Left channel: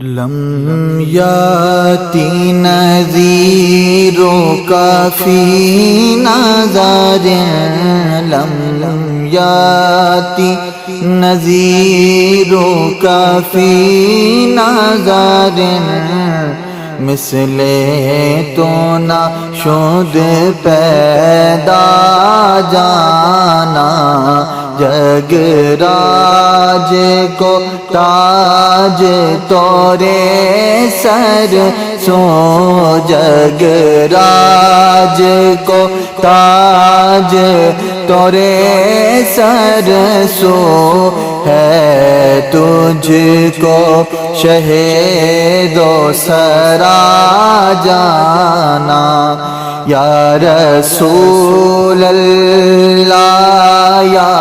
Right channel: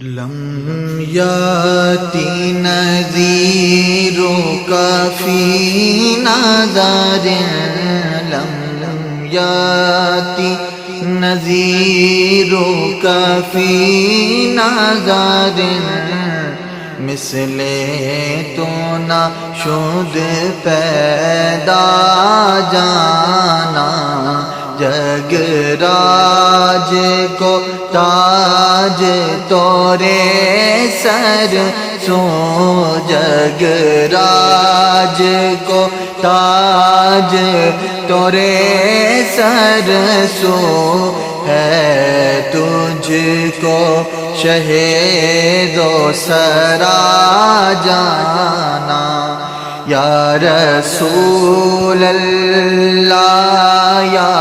لم یاتی نذیرک فی نظر، لم یاتی نذیرک فی نظر، مثل تو نہ شد پیدا جانا، جگ راج کو تاج تورے سر سو، جگ راج کو تاج تورے سر سو، ہے تجھ کو شہید و سرا جانا، یا رسول اللہ یا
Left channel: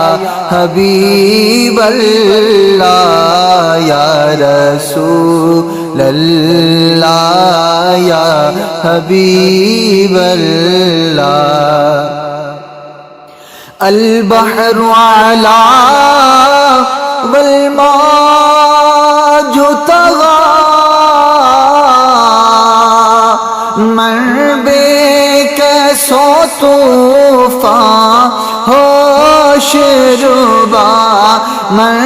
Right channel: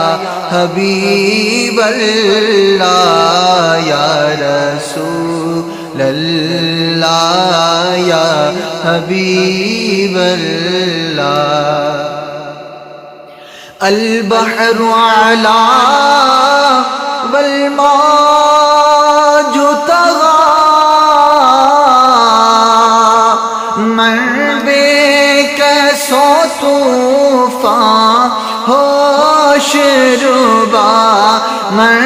حبیب اللہ، یا رسول اللہ یا حبیب اللہ، البحر علا والموج طغى، من بے کیسو طوفان ہوش ربا، من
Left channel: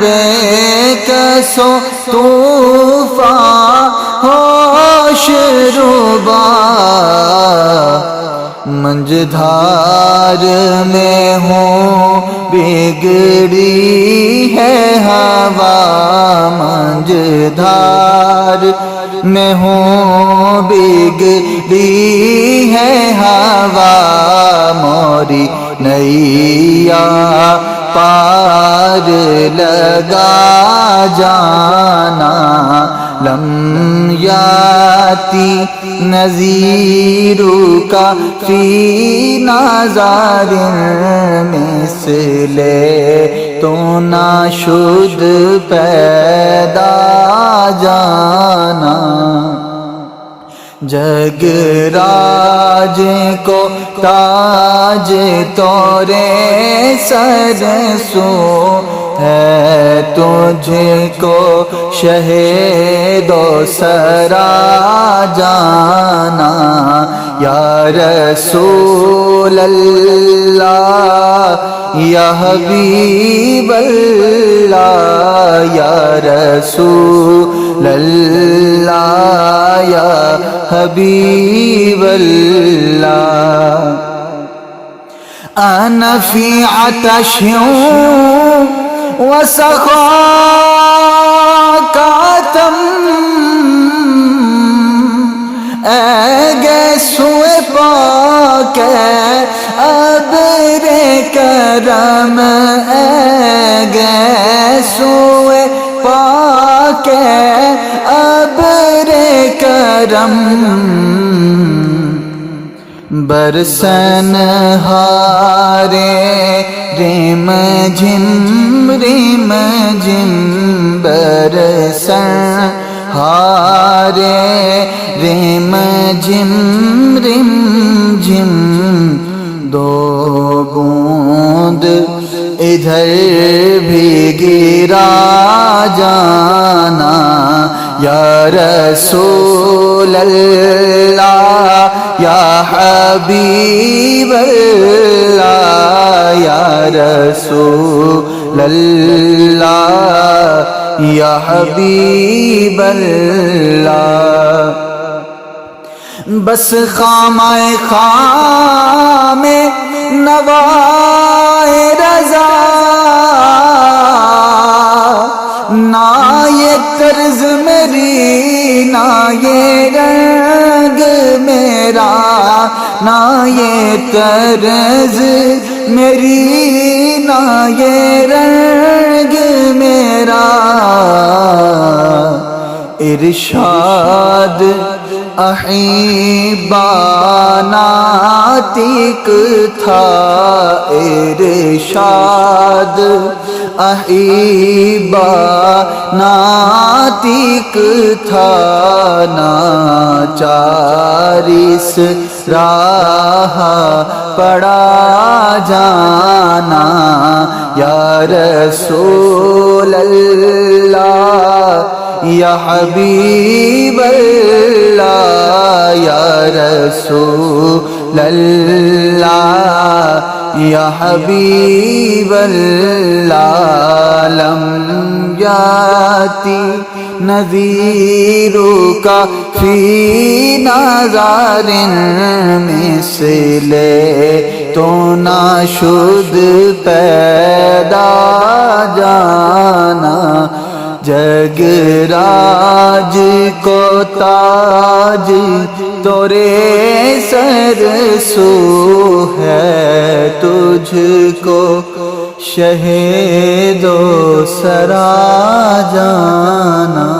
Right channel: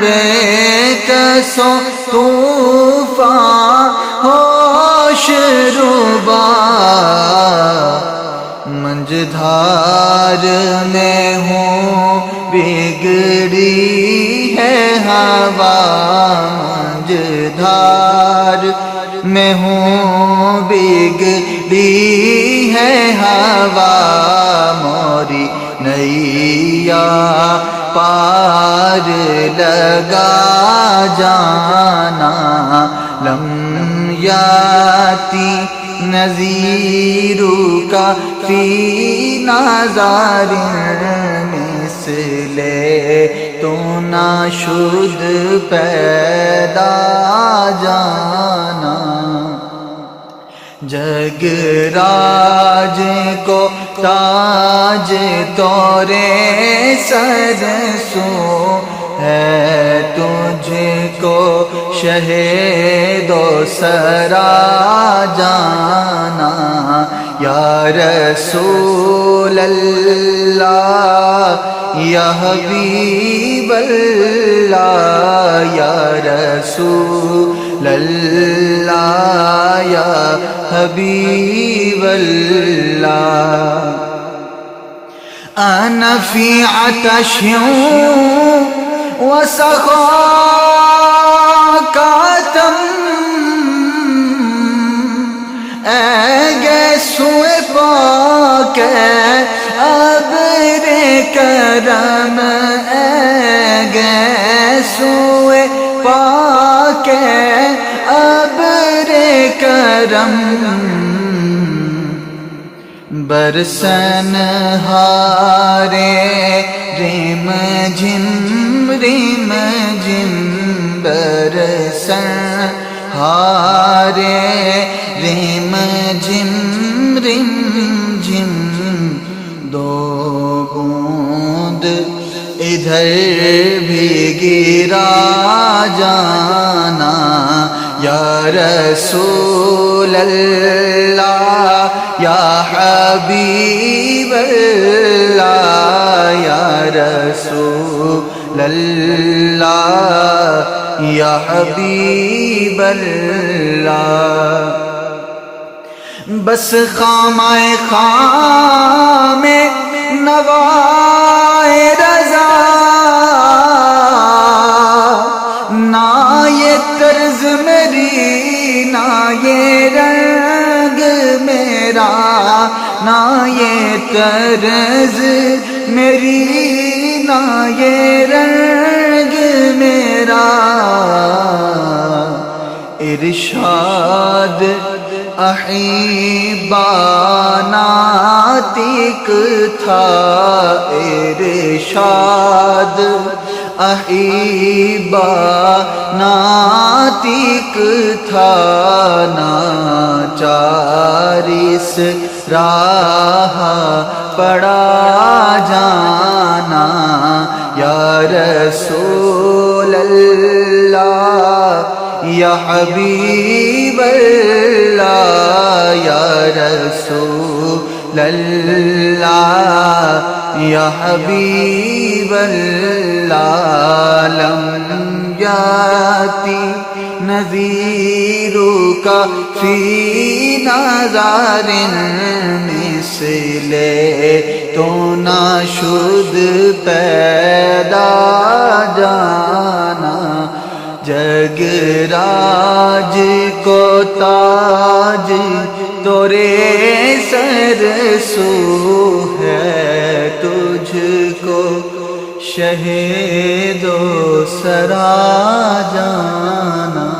بے کیسو طوفان ہوش ربا، منجدھار میں ہوں بگڑی ہے ہوا، منجدھار میں ہوں بگڑی ہے ہوا، موری نیا پار لگا جانا، لم یاتی نذیرک فی نظر، مثل تو نہ شد پیدا جانا، جگ راج کو تاج تورے سر سو، ہے تجھ کو شہید و سرا جانا، یا رسول اللہ یا حبیب اللہ، یا رسول اللہ یا حبیب اللہ، انا فی عطش وسخاکتم، اے گیسوئے پاک ابر کرم، اے گیسوئے پاک ابر کرم، برسن ہارے ریم جھم ریم جھم، برسن ہارے ریم جھم ریم جھم، دو بوند ادھر بھی گرا جانا، یا رسول اللہ یا حبیب اللہ، یا رسول اللہ یا حبیب اللہ، بس خامۂ خام نوائے رضا، نہ یہ طرز میری نہ یہ رنگ میرا، نہ یہ طرز میری نہ یہ رنگ میرا، ارشاد احبا ناطق تھا، ارشاد احبا ناطق تھا، ناچارس راہ پڑا جانا، یا رسول اللہ یا حبیب اللہ یا رسول اللہ یا حبیب اللہ لم یاتی نذیرک فی نظر مثل تو نہ شد پیدا جانا جگ راج کو تاج تورے سر سو ہے تجھ کو شہید و سرا جانا